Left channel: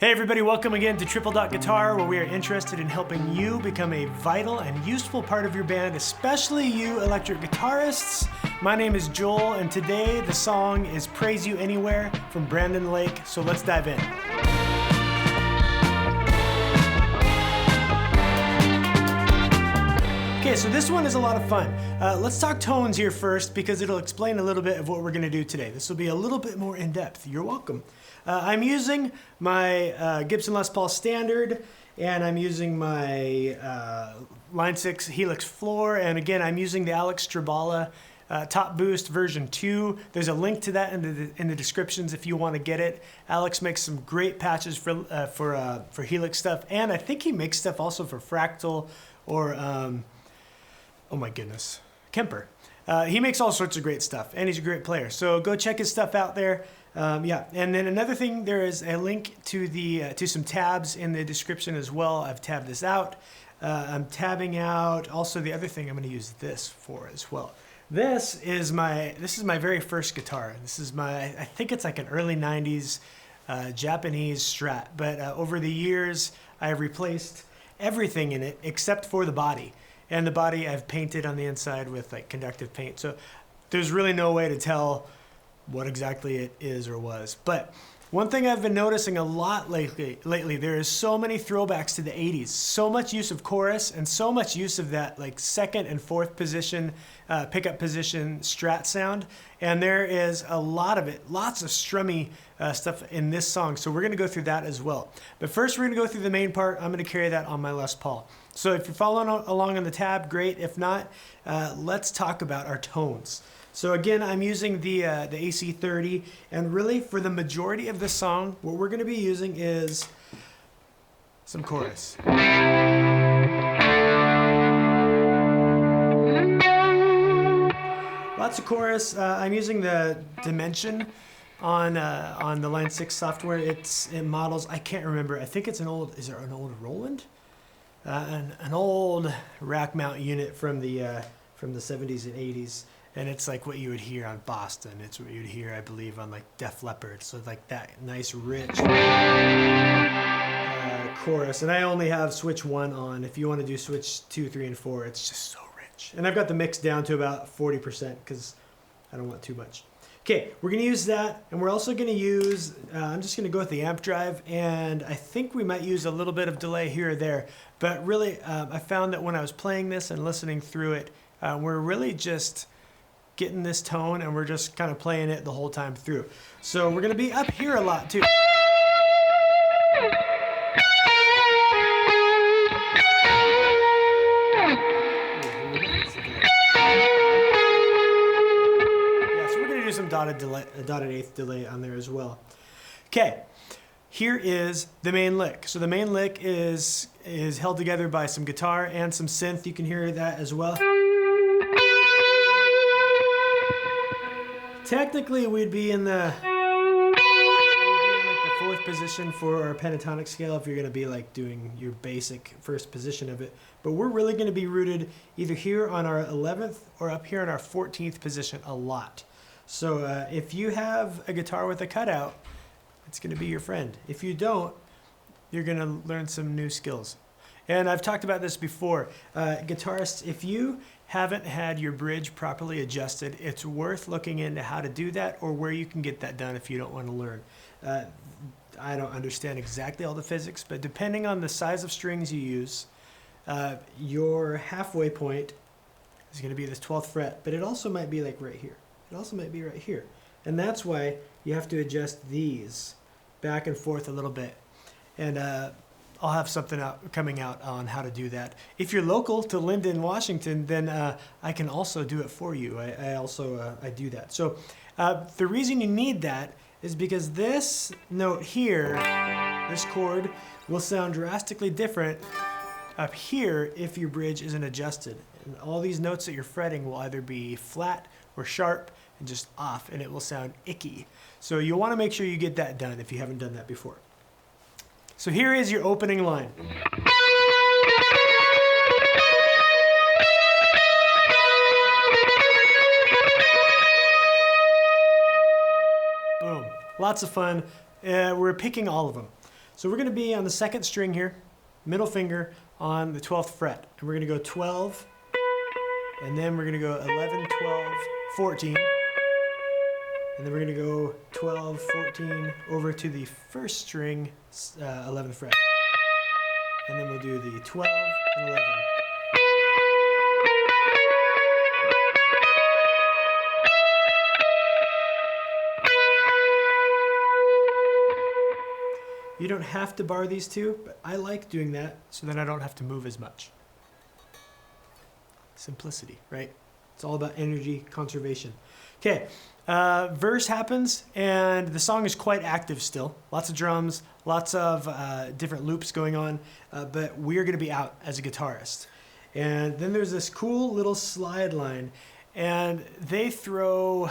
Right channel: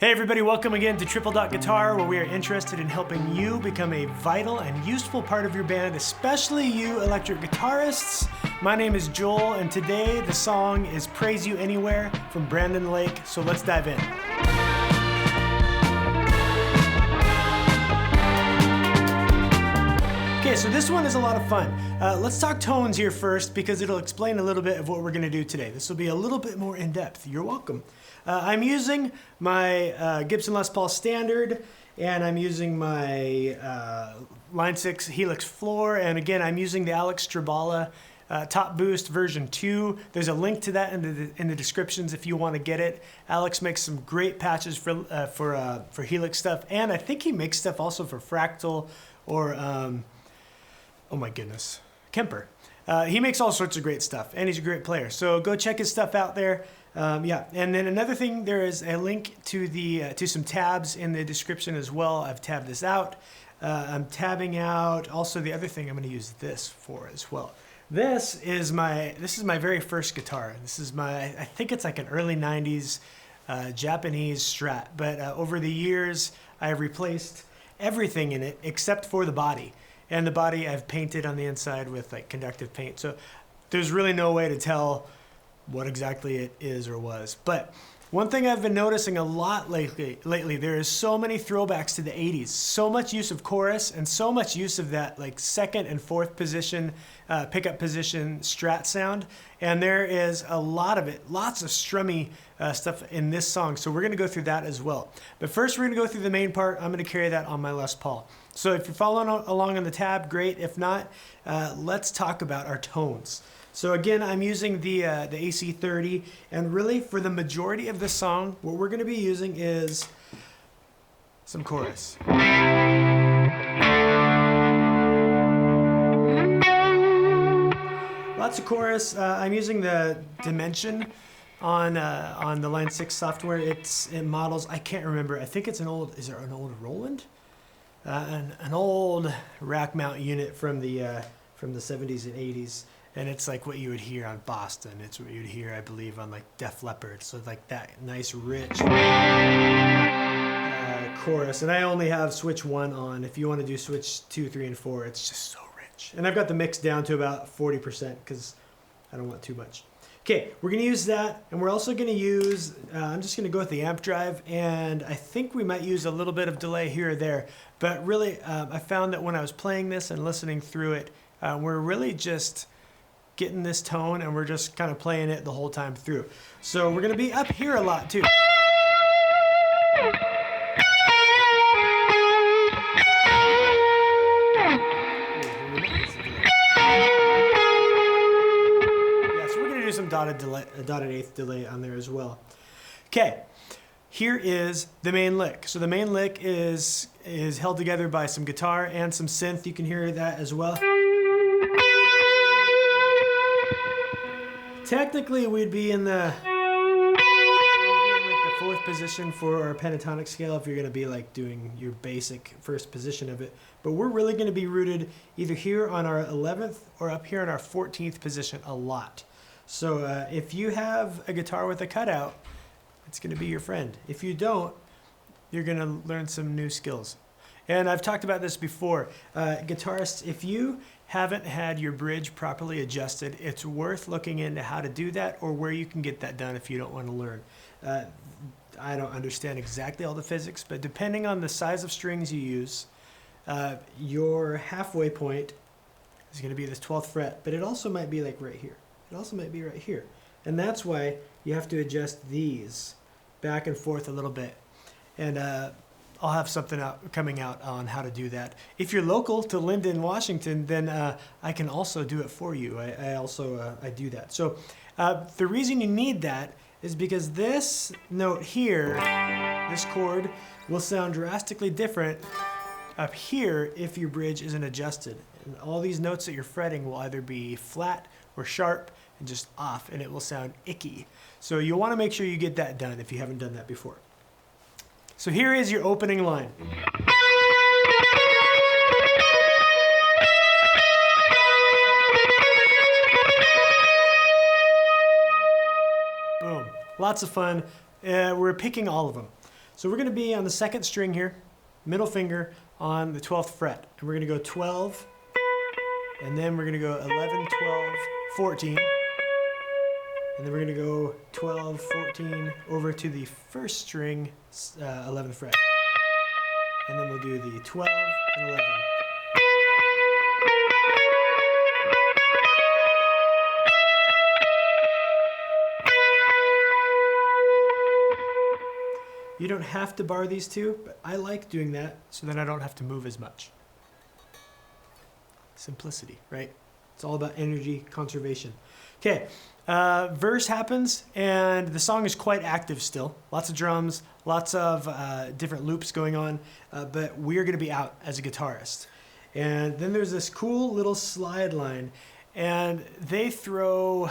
Hey everybody, welcome again to Triple Dot Guitar, where we are interested in helping you become a vital and useful part of your band, especially you electric guitarists. My name is Joel, and today the song is Praise You Anywhere from Brandon Lake, so let's dive in. Okay, so this one is a lot of fun. Let's talk tones here first because it'll explain a little bit of what we're gonna do today. This will be a little bit more in depth. You're welcome. I'm using my Gibson Les Paul Standard, and I'm using my Line 6 Helix Floor, and again, I'm using the Alex Strabala Top Boost version 2. There's a link to that in the descriptions if you want to get it. Alex makes some great patches for Helix stuff, and I think he makes stuff also for Fractal or oh my goodness, Kemper. He makes all sorts of great stuff, and he's a great player. So go check his stuff out there. Yeah, and then another thing, there is a link to some tabs in the description as well. I've tabbed this out. I'm tabbing out also the other thing I'm going to use this for as well. This is my very first guitar. This is I think it's like an early 90s Japanese Strat, but over the years I've replaced everything in it except for the body. And the body I've painted on the inside with like conductive paint. So there's really no way to tell what exactly it is or was. But one thing I've been noticing a lot lately, there is so many throwbacks to the 80s, so much use of chorus and so much use of that like second and fourth position, pickup position Strat sound. And there is a lot of it, lots of strummy stuff in this song. So we're gonna go through that as well. But first we're gonna go through the main part. I'm gonna carry that on my Les Paul. So if you're following along on the tab, great. If not, let's talk about our tones. So again, I'm using the AC30, and really for the majority of this song, what we're gonna be using is some chorus. Lots of chorus. I'm using the Dimension on the Line 6 software. It models, I can't remember, I think it's is it an old Roland? An old rack mount unit from the 70s and 80s. And it's like what you would hear on Boston. It's what you'd hear, I believe, on like Def Leppard. So like that nice, rich chorus. And I only have switch 1 on. If you want to do switch 2, 3, and 4, it's just so rich. And I've got the mix down to about 40% because I don't want too much. Okay, we're going to use that. And we're also going to use, I'm just going to go with the amp drive. And I think we might use a little bit of delay here or there. But really, I found that when I was playing this and listening through it, we're really just getting this tone, and we're just kind of playing it the whole time through. So we're gonna be up here a lot too. Yeah, so we're gonna do some dotted eighth delay on there as well. Okay, here is the main lick. So the main lick is held together by some guitar and some synth. You can hear that as well. Technically, we'd be in the fourth position for our pentatonic scale if you're going to be like doing your basic first position of it. But we're really going to be rooted either here on our 11th or up here on our 14th position a lot. So if you have a guitar with a cutout, it's going to be your friend. If you don't, you're going to learn some new skills. And I've talked about this before. Guitarists, if you haven't had your bridge properly adjusted, it's worth looking into how to do that or where you can get that done if you don't want to learn. I don't understand exactly all the physics, but depending on the size of strings you use, your halfway point is going to be this 12th fret, but it also might be like right here. It also might be right here. And that's why you have to adjust these back and forth a little bit. And I'll have something coming out on how to do that. If you're local to Linden, Washington, then I can also do it for you. I do that. So the reason you need that is because this note here, this chord, will sound drastically different up here if your bridge isn't adjusted. And all these notes that you're fretting will either be flat or sharp and just off, and it will sound icky. So you'll want to make sure you get that done if you haven't done that before. So here is your opening line. Boom. Lots of fun. We're picking all of them. So we're going to be on the second string here, middle finger on the 12th fret. And we're going to go 12, and then we're going to go 11, 12, 14. And then we're going to go 12, 14 over to the first string, 11th fret. And then we'll do the 12 and 11. You don't have to bar these two, but I like doing that so that I don't have to move as much. Simplicity, right? It's all about energy conservation. Okay, verse happens, and the song is quite active still. Lots of drums, lots of different loops going on, but we're going to be out as a guitarist. And then there's this cool little slide line, and they throw,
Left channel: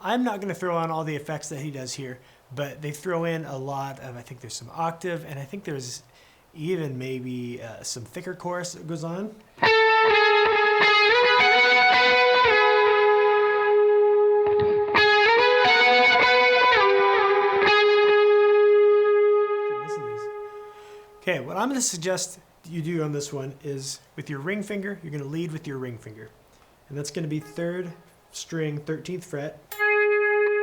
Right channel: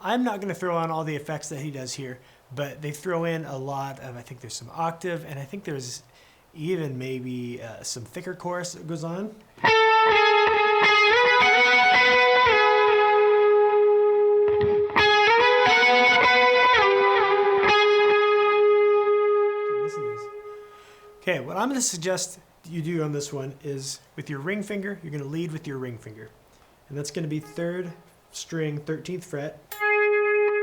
I'm not going to throw on all the effects that he does here, but they throw in a lot of, I think there's some octave, and I think there's even maybe some thicker chorus that goes on. Okay, what I'm going to suggest you do on this one is with your ring finger, you're going to lead with your ring finger. And that's going to be 3rd string, 13th fret.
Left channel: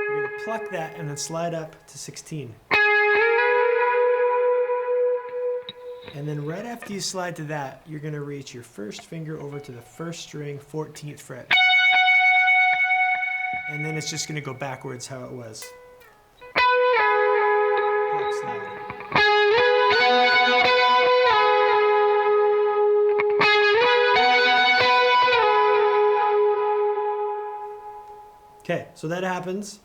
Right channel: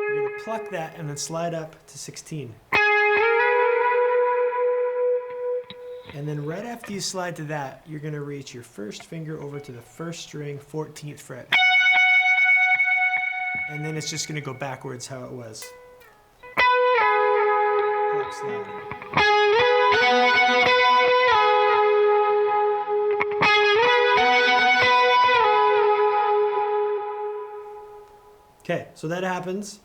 You're going to pluck that and then slide up to 16. And then right after you slide to that, you're going to reach your first finger over to the 1st string, 14th fret. And then it's just going to go backwards how it was. Pluck, slide. Okay, so that happens.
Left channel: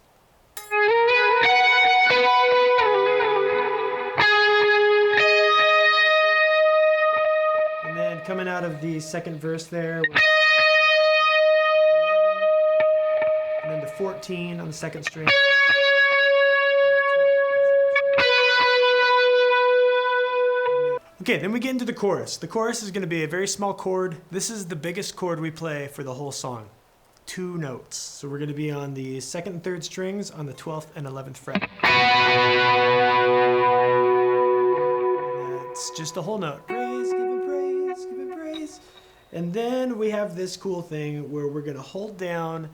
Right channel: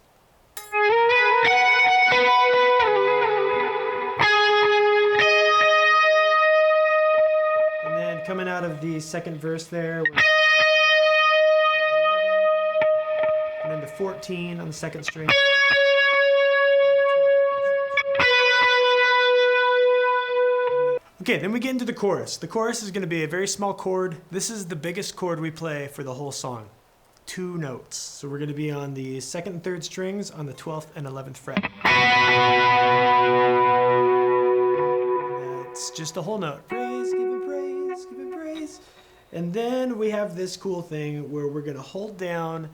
And then coming out of the second verse there, 11, and then the 14 on the second string. Okay, then we get into the chorus. The chorus is going to be a very small chord. This is the biggest chord we play for the whole song. 2 notes. So we're going to be on the 2nd and 3rd strings on the 12th and 11th fret. That's just a whole note. Praise, give him praise, give him praise. And then we have this cool thing where we're going to hold down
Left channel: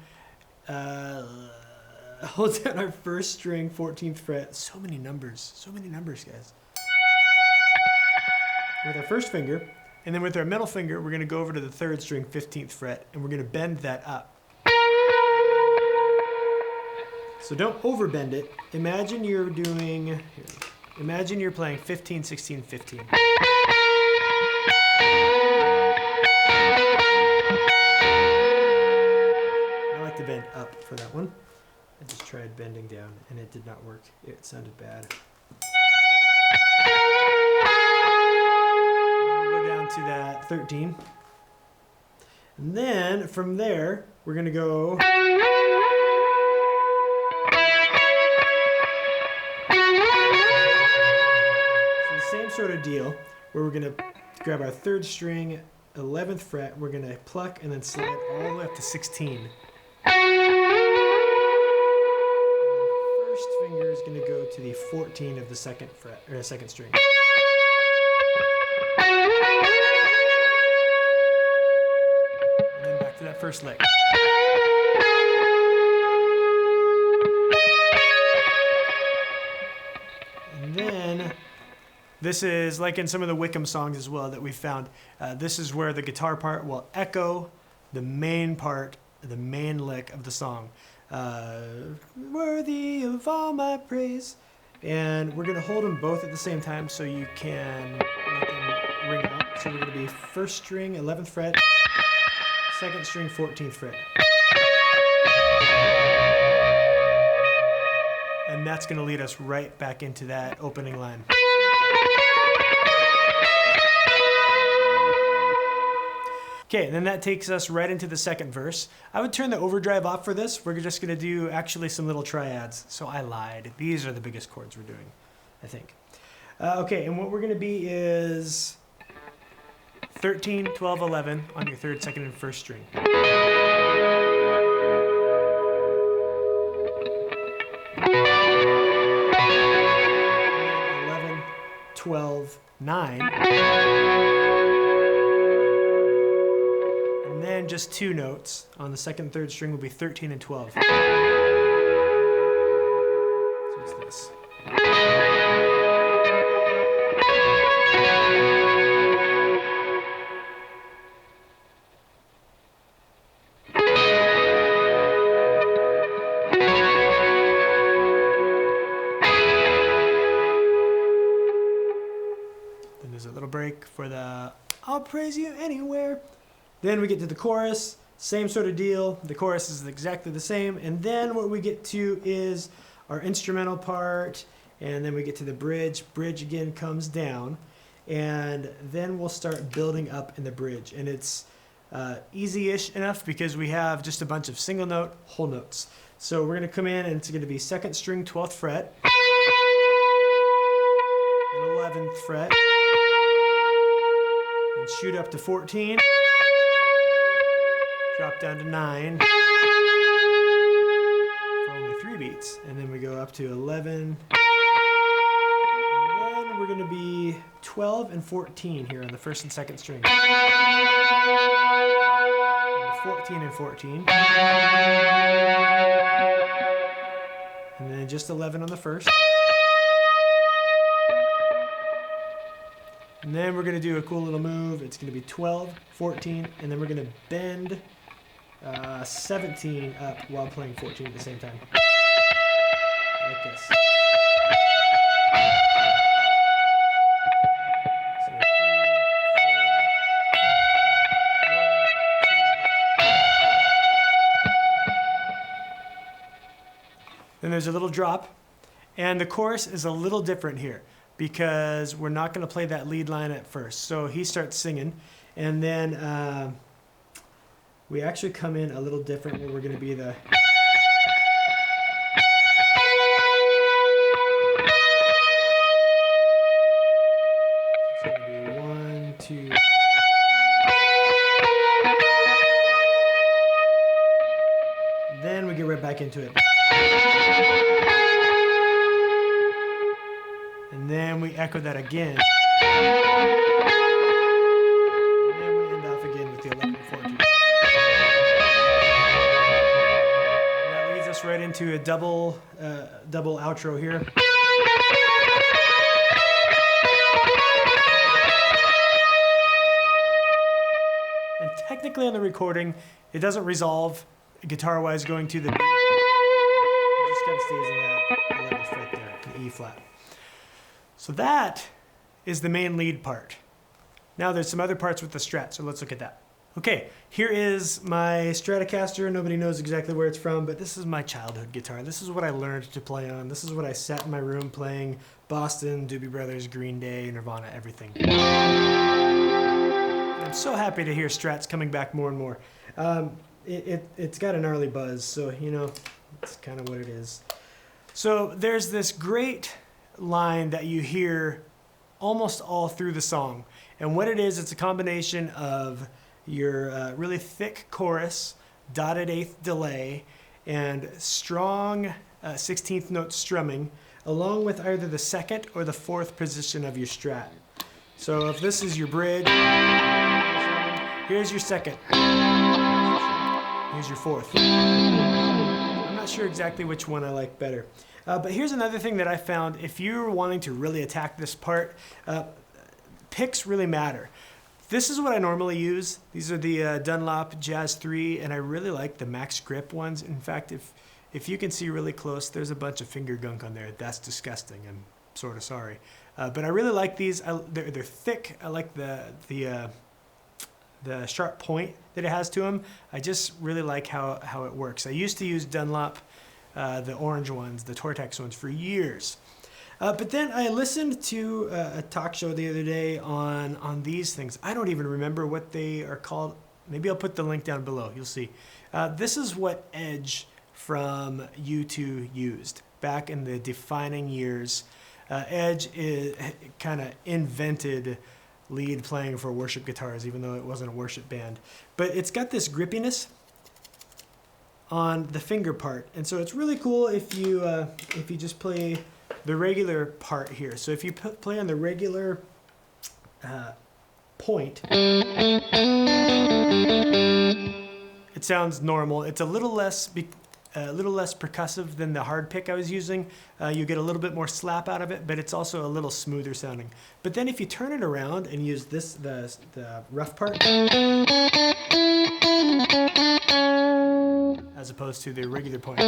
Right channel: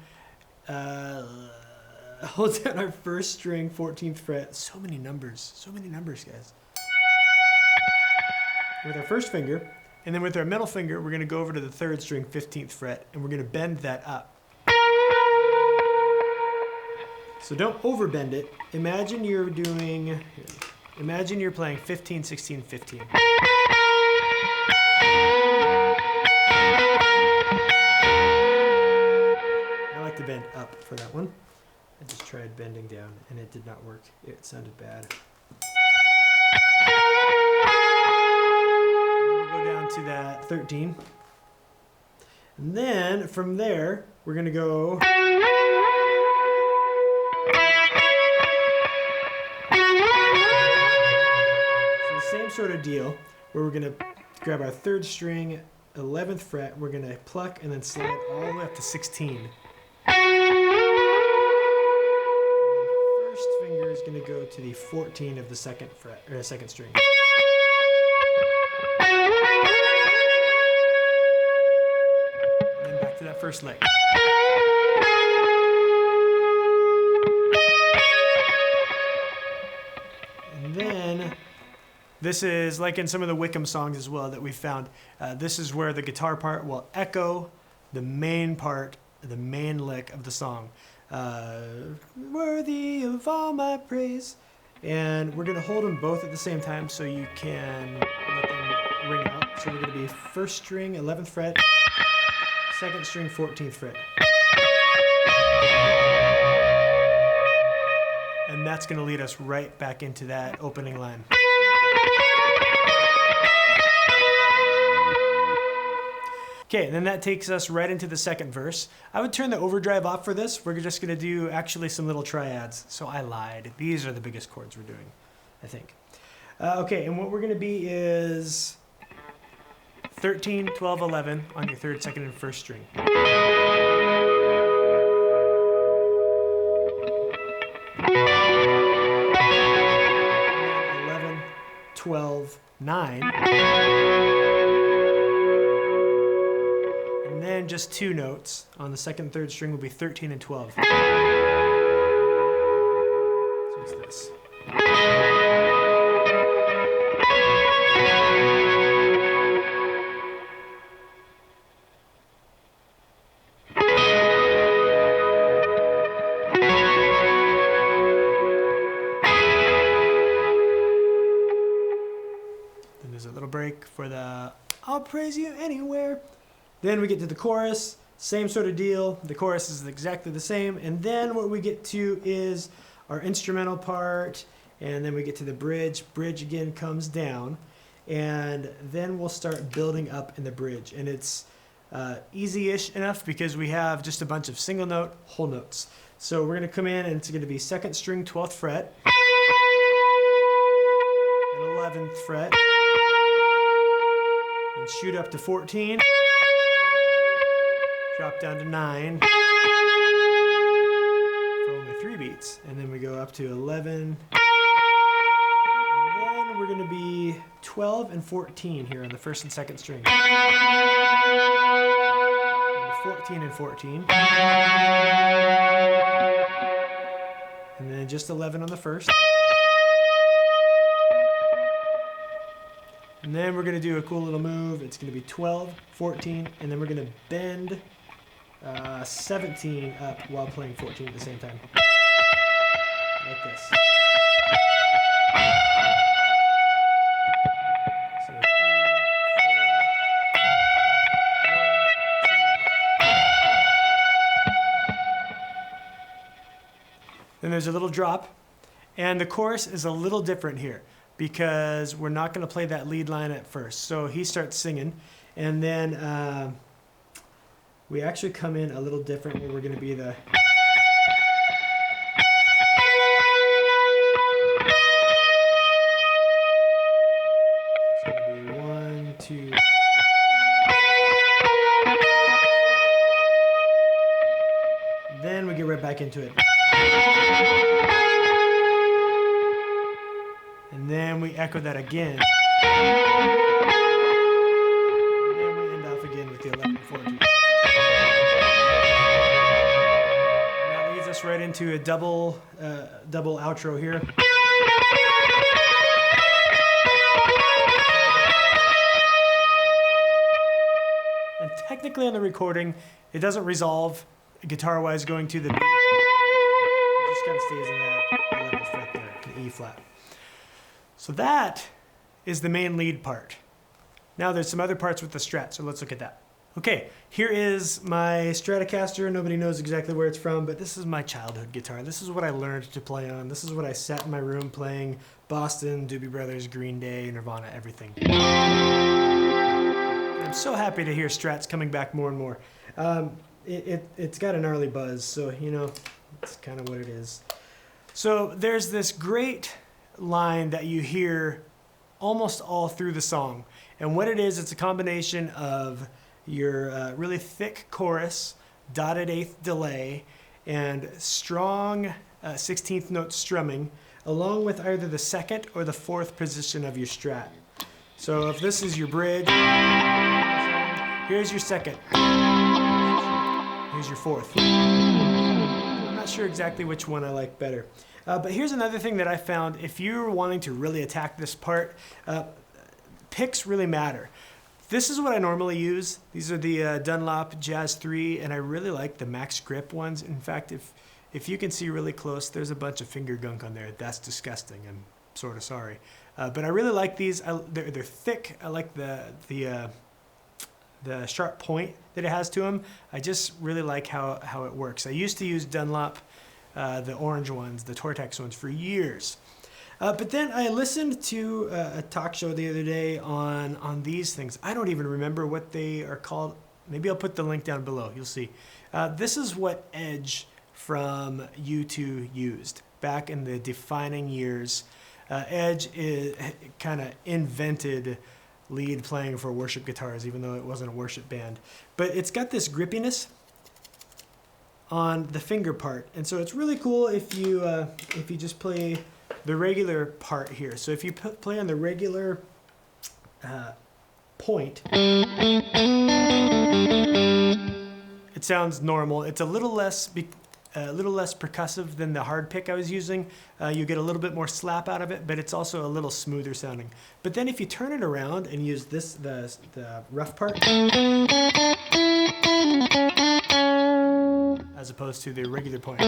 our 1st string, 14th fret. So many numbers, guys. With our 1st finger, and then with our middle finger, we're going to go over to the 3rd string, 15th fret, and we're going to bend that up. So don't overbend it. Imagine you're playing 15, 16, 15. I like to bend up for that one. I just tried bending down and it did not work. It sounded bad. And then we'll go down to that 13. And then from there, we're going to go. Same sort of deal where we're going to grab our 3rd string, 11th fret, we're going to pluck and then slide all the way up to 16. And the 1st finger is going to go to the 14 of the 2nd fret, or 2nd string. And then back to that 1st lick. And then this is like in some of the Wickham songs as well that we found. This is where the guitar part will echo the main part, the main lick of the song. Worthy of all my praise. And we're going to hold them both at the same time so you can let them ring out. So we're going to be 1st string, 11th fret, 2nd string, 14th fret. And that's going to lead us right back into that opening line. Okay, then that takes us right into the 2nd verse. I would turn the overdrive off for this. We're just going to do actually some little triads. So I lied. These are the biggest chords we're doing, I think. Okay, and what we're going to be is 13, 12, 11 on your 3rd, 2nd, and 1st string. And then 11 12, 9. And then just 2 notes on the second and third string will be 13 and 12. So it's this. Then there's a little break for the I'll praise you anywhere. Then we get to the chorus, same sort of deal. The chorus is exactly the same. And then what we get to is our instrumental part. And then we get to the bridge. Bridge again comes down. And then we'll start building up in the bridge. And it's easy-ish enough because we have just a bunch of single note, whole notes. So we're going to come in and it's going to be 2nd string, 12th fret. And 11th fret. And shoot up to 14. Drop down to 9 for only 3 beats. And then we go up to 11. And then we're going to be 12 and 14 here on the 1st and 2nd string. And the 14 and 14. And then just 11 on the 1st. And then we're going to do a cool little move. It's going to be 12, 14, and then we're going to bend 17 up while playing 14 at the same time. Like this. So 3, 4, 1, 2. Then there's a little drop, and the chorus is a little different here because we're not going to play that lead line at first. So he starts singing, and then we actually come in a little different where we're going to be the... It's going to be 1, 2... Then we get right back into it. And then we echo that again. And then we end off again with the 11 4 2. And that leads us right into a double outro here. And technically on the recording, it doesn't resolve guitar-wise going to the B. It just kind of stays in that 11th fret there, the E flat. So that is the main lead part. Now there's some other parts with the Strat, so let's look at that. Okay, here is my Stratocaster. Nobody knows exactly where it's from, but this is my childhood guitar. This is what I learned to play on. This is what I sat in my room playing Boston, Doobie Brothers, Green Day, Nirvana, everything. And I'm so happy to hear Strats coming back more and more. It's got a gnarly buzz, so you know, it's kind of what it is. So there's this great line that you hear almost all through the song. And what it is, it's a combination of your really thick chorus, dotted eighth delay, and strong 16th note strumming, along with either the 2nd or the 4th position of your Strat. So if this is your bridge, here's your 2nd. Here's your 4th. I'm not sure exactly which one I like better. But here's another thing that I found. If you're wanting to really attack this part, picks really matter. This is what I normally use. These are the Dunlop Jazz 3, and I really like the Max Grip ones. In fact, if you can see really close, there's a bunch of finger gunk on there. That's disgusting. I'm sort of sorry. But I really like these. They're thick. I like the sharp point that it has to them. I just really like how it works. I used to use Dunlop, the orange ones, the Tortex ones, for years. But then I listened to a talk show the other day on these things. I don't even remember what they are called. Maybe I'll put the link down below. You'll see. This is what Edge from U2 used back in the defining years. Edge kind of invented lead playing for worship guitars, even though it wasn't a worship band. But it's got this grippiness on the finger part, and so it's really cool if you just play the regular part here. So if you play on the regular point, it sounds normal. It's a little less percussive than the hard pick I was using. You get a little bit more slap out of it, but it's also a little smoother sounding. But then if you turn it around and use this, the rough part, as opposed to the regular point.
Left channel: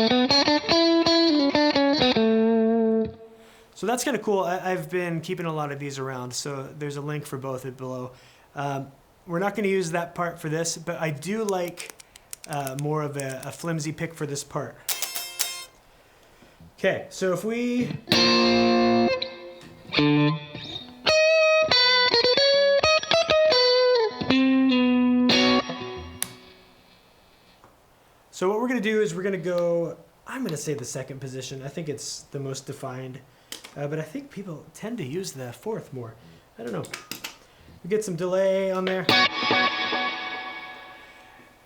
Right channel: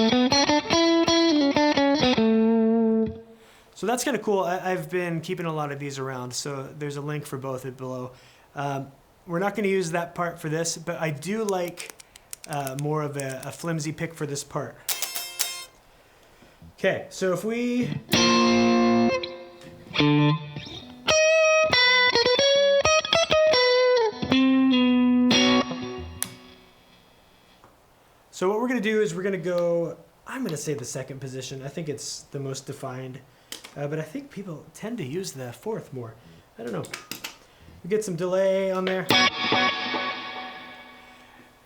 So that's kind of cool. I've been keeping a lot of these around, so there's a link for both below. We're not going to use that part for this, but I do like more of a flimsy pick for this part. Okay, so if we... So what we're going to do is we're going to go, I'm going to say the second position. I think it's the most defined, but I think people tend to use the fourth more. I don't know. We get some delay on there.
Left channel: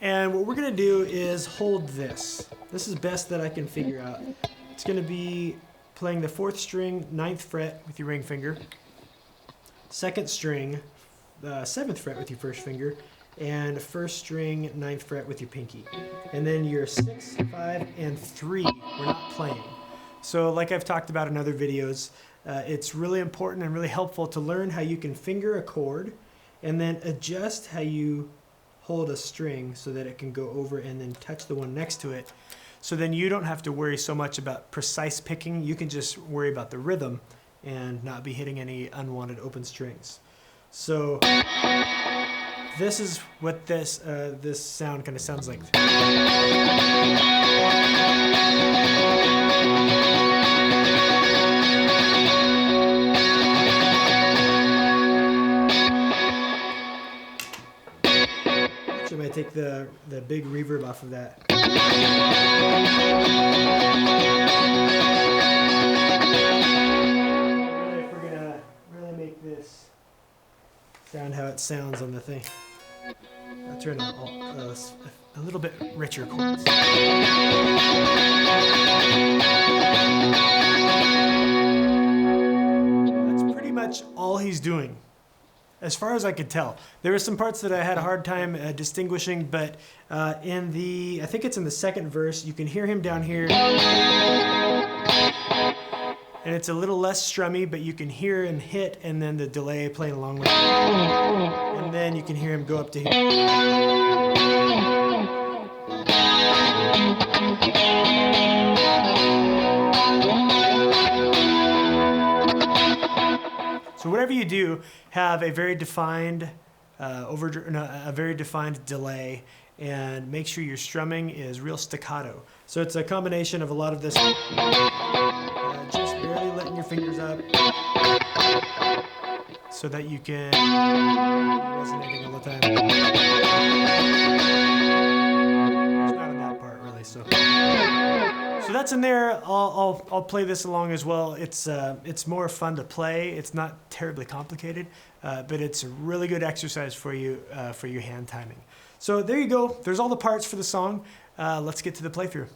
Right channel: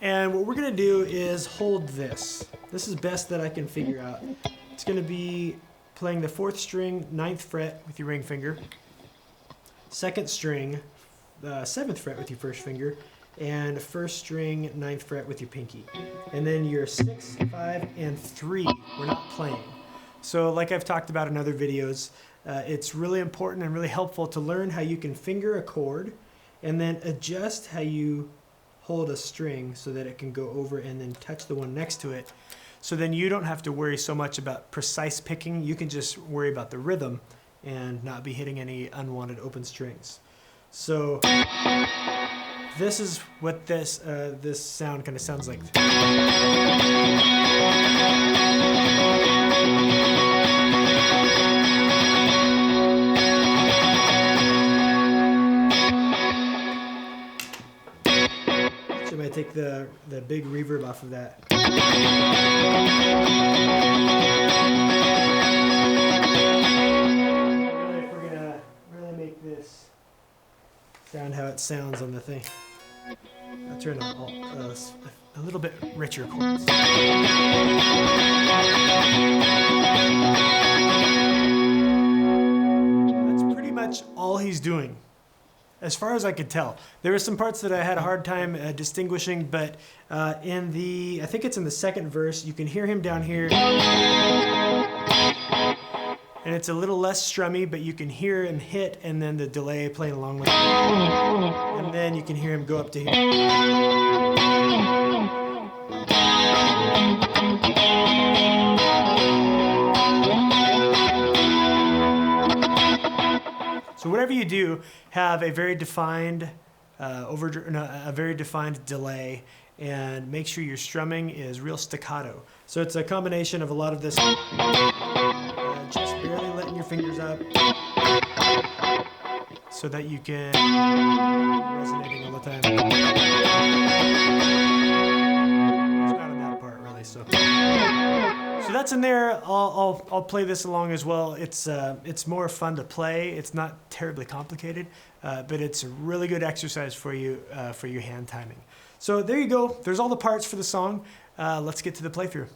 And what we're going to do is hold this. This is best that I can figure out. It's going to be playing the 4th string, 9th fret with your ring finger, 2nd string, 7th fret with your 1st finger, and 1st string, 9th fret with your pinky. And then your 6, 5, and 3 we're not playing. So like I've talked about in other videos, it's really important and really helpful to learn how you can finger a chord and then adjust how you hold a string so that it can go over and then touch the one next to it. So then you don't have to worry so much about precise picking. You can just worry about the rhythm and not be hitting any unwanted open strings. So this is what this sound kind of sounds like. I might take the big reverb off of that. Really, if we're gonna really make this sound how it sounds on the thing, I'll turn on a little bit richer chords. That's pretty much all he's doing, as far as I could tell. There were some parts that I had a hard time distinguishing, but I think it's in the 2nd verse, you can hear him down here. And it's a little less strummy, but you can hear him hit and then the delay playing along with it. And then you can hear him go up to here. So whatever you do, have a very defined a very defined delay, and make sure your strumming is real staccato. So it's a combination of a lot of this, just barely letting your fingers up, so that you can be resonating all the time. It's not on that part really, so that's in there. I'll play this along as well. It's more fun to play. It's not terribly complicated, but it's a really good exercise for you for your hand timing. So there you go. There's all the parts for the song. Let's get to the playthrough.